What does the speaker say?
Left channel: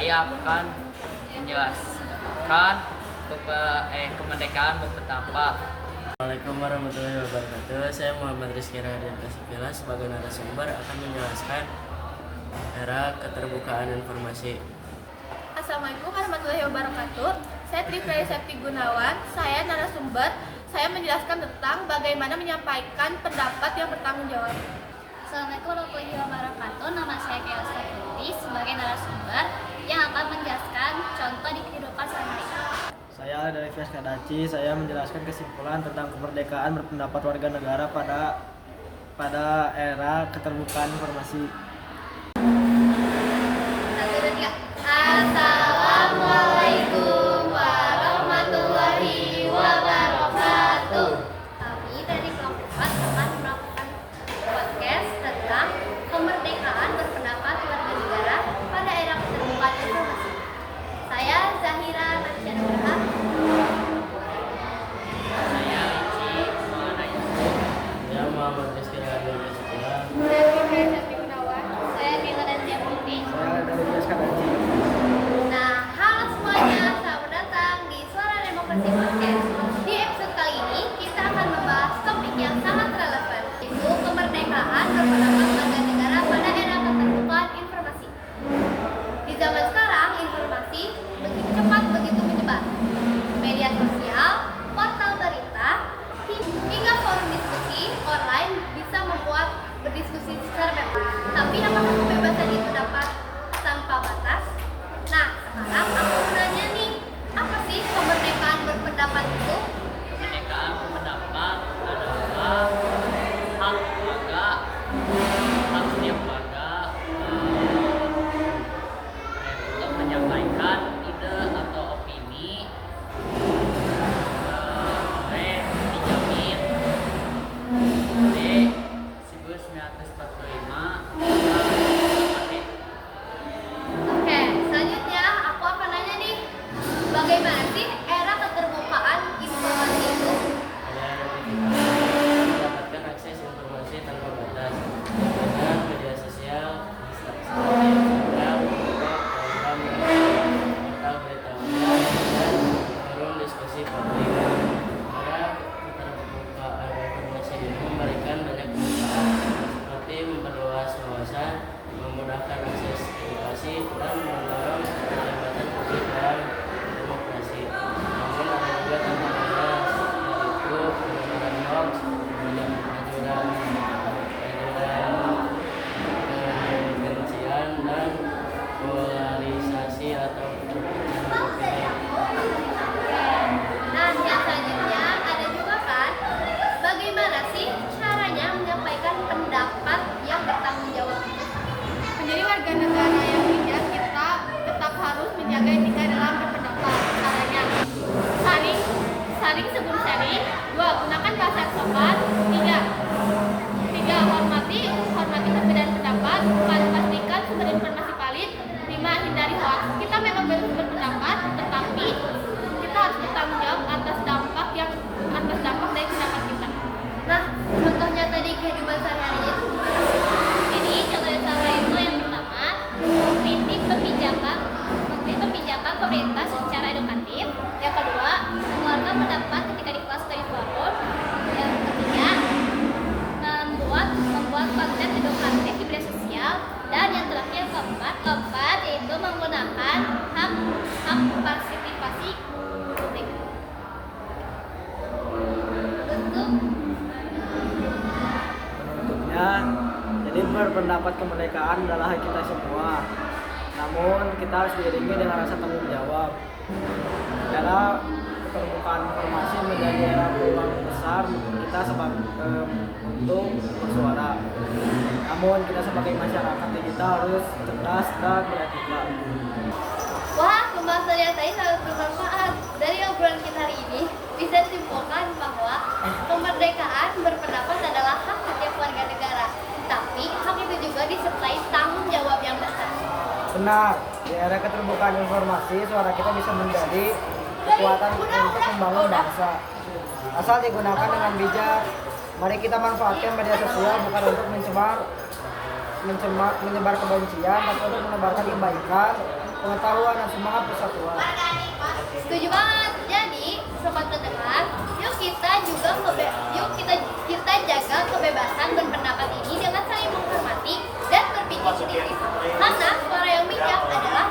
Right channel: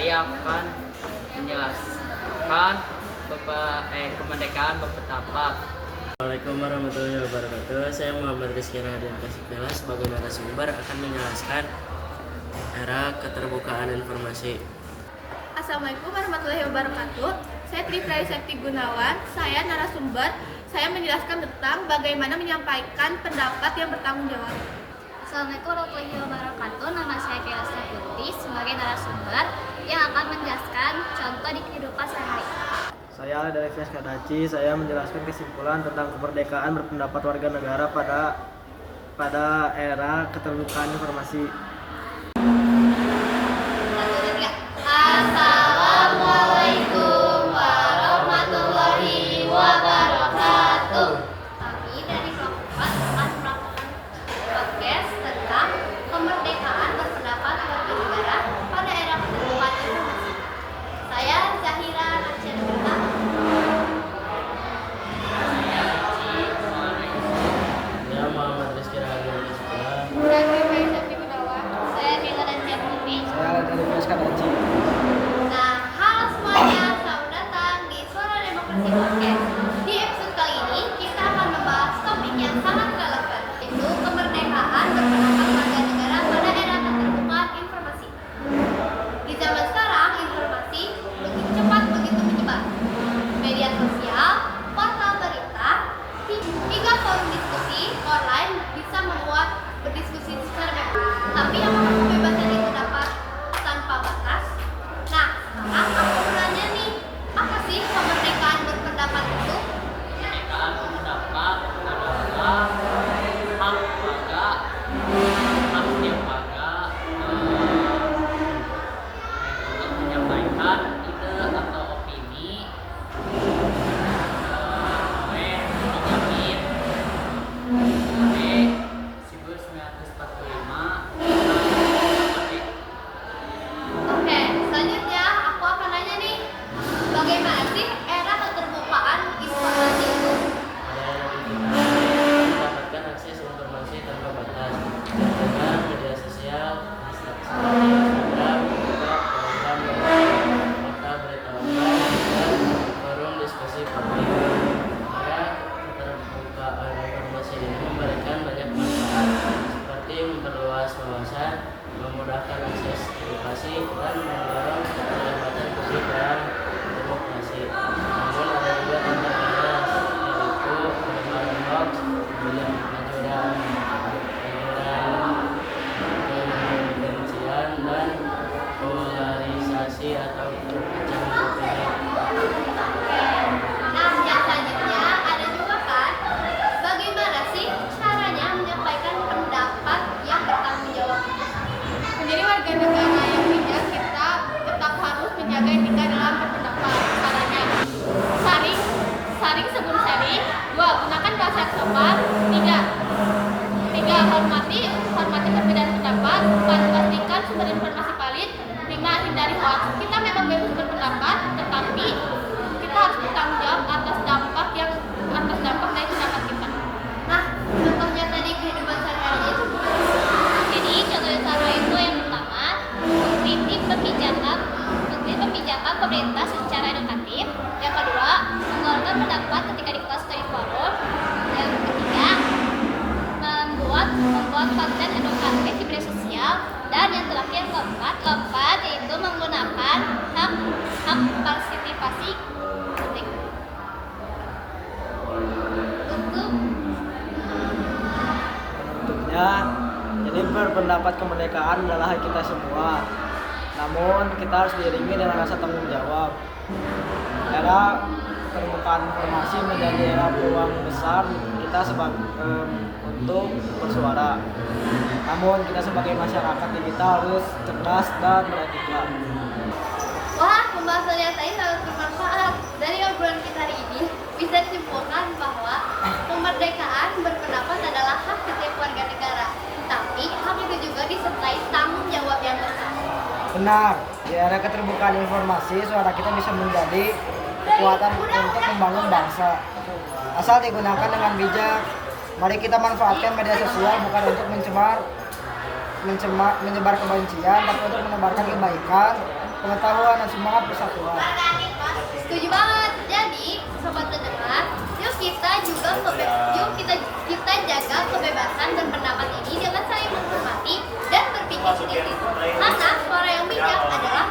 saya akan menjelaskan kemerdekaan berpendapat. Assalamualaikum warahmatullahi wabarakatuh. Saya Muhammad Rizky Radian Kasikela sebagai narasumber akan menjelaskan era keterbukaan informasi. Assalamualaikum warahmatullahi wabarakatuh. Saya Trifrey Septi Gunawan. Saya narasumber. Saya menjelaskan tentang bagaimana menyampaikan pendapat yang bertanggung jawab. Assalamualaikum warahmatullahi wabarakatuh. Nama saya Kela Putri sebagai narasumber yang akan menjelaskan contoh di kehidupan sehari-hari. Saya dari Fes Kadaci, saya menjelaskan kesimpulan tentang kemerdekaan berpendapat warga negara pada era keterbukaan informasi. Assalamualaikum warahmatullahi wabarakatuh. Kami dari kelompok 4 akan melakukan podcast tentang kemerdekaan berpendapat warga negara pada era keterbukaan informasi. Saya Zahira Nasyadullah. Saya Muhammad Rizky Radian Kasikela. Saya Trifrey Septi Gunawan. Saya Nila dan Putri. Saya dari Fes Kadaci. Nah, halo semuanya, selamat datang di Suara Demokrasi Podcast. Di episode kali ini kita akan membahas topik yang sangat relevan, yaitu kemerdekaan berpendapat warga negara pada era keterbukaan informasi. Di zaman sekarang, informasi begitu cepat, begitu menyebar. Media sosial, portal berita, hingga forum diskusi online bisa membuat berdiskusi secara bebas. Tapi apakah kebebasan itu dapat tanpa batas? Nah, sekarang aku mau nanya nih, apa sih kemerdekaan berpendapat itu? Kemerdekaan berpendapat adalah hak warga, hak setiap warga untuk menyampaikan ide atau opini dijamin oleh Siklus 1945. Oke, selanjutnya aku akan nanya nih, bagaimana sih era keterbukaan informasi itu? Pada era digital, mendapatkan akses informasi tanpa batas dengan media sosial seperti Instagram, TikTok, Telegram, portal berita online, dan forum diskusi publik. Era keterbukaan informasi ini memberikan banyak manfaat seperti memperluas wawasan, memudahkan akses edukasi, dan mendorong keterlibatan publik dalam demokrasi. Namun ada juga tantangannya, yaitu penyebaran hoax, penyebaran kebencian, dan polarisasi atau perpecahan opini. Nah, yang selanjutnya ada juga kan, bagaimana sih caranya menyampaikan pendapat yang bertanggung jawab? Menjadi warga negara yang bijak, kita tetap harus menjaga etika dalam berpendapat. Caranya, saring sebelum sharing. 2. Gunakan bahasa yang sopan. 3. Hormati perbedaan pendapat. 4. Pastikan sumber informasi valid. 5. Hindari hoax. Kita memang bebas berpendapat, tetapi kita harus bertanggung jawab atas dampak dari pendapat kita. Nah, contohnya tadi kehidupan sehari-hari itu gimana sih? Jadi contoh cara itu yang pertama, mengkritik kebijakan pemerintah secara edukatif. Yang kedua, mengeluarkan pendapat ketika di kelas atau di forum. Yang ketiga, membuat konten edukatif di media sosial. Dan yang terakhir yang keempat yaitu menggunakan hak partisipasi publik. Bentuknya, jadi berpendapat kemerdekaan adalah hak kita semua. Namun kita harus diiringi dengan rasa tanggung jawab. Era keterbukaan informasi menjadi era peluang besar kita untuk bersuara. Namun kita sebagai masyarakat digital harus cerdas dan beretika. Wah, pembahasan yang tadi sangat bermanfaat. Dari obrolan kita hari ini, bisa disimpulkan bahwa kemerdekaan berpendapat adalah hak setiap warga negara. Tapi hak itu juga disertai tanggung jawab yang besar. Benar, di era keterbukaan informasi, suara kita bisa menjadi kekuatan untuk membangun bangsa. Asal digunakan dengan bijak, mari kita manfaatkan media sosial bukan untuk mencemar menyebar kebencian, tapi untuk menebarkan kebaikan, pengetahuan dan semangat persatuan. Setuju banget. Jadi, sobat pendengar, yuk kita jaga kebebasan dan pendapat ini dengan saling menghormati dan berpikir kritis. Karena suara yang bijak adalah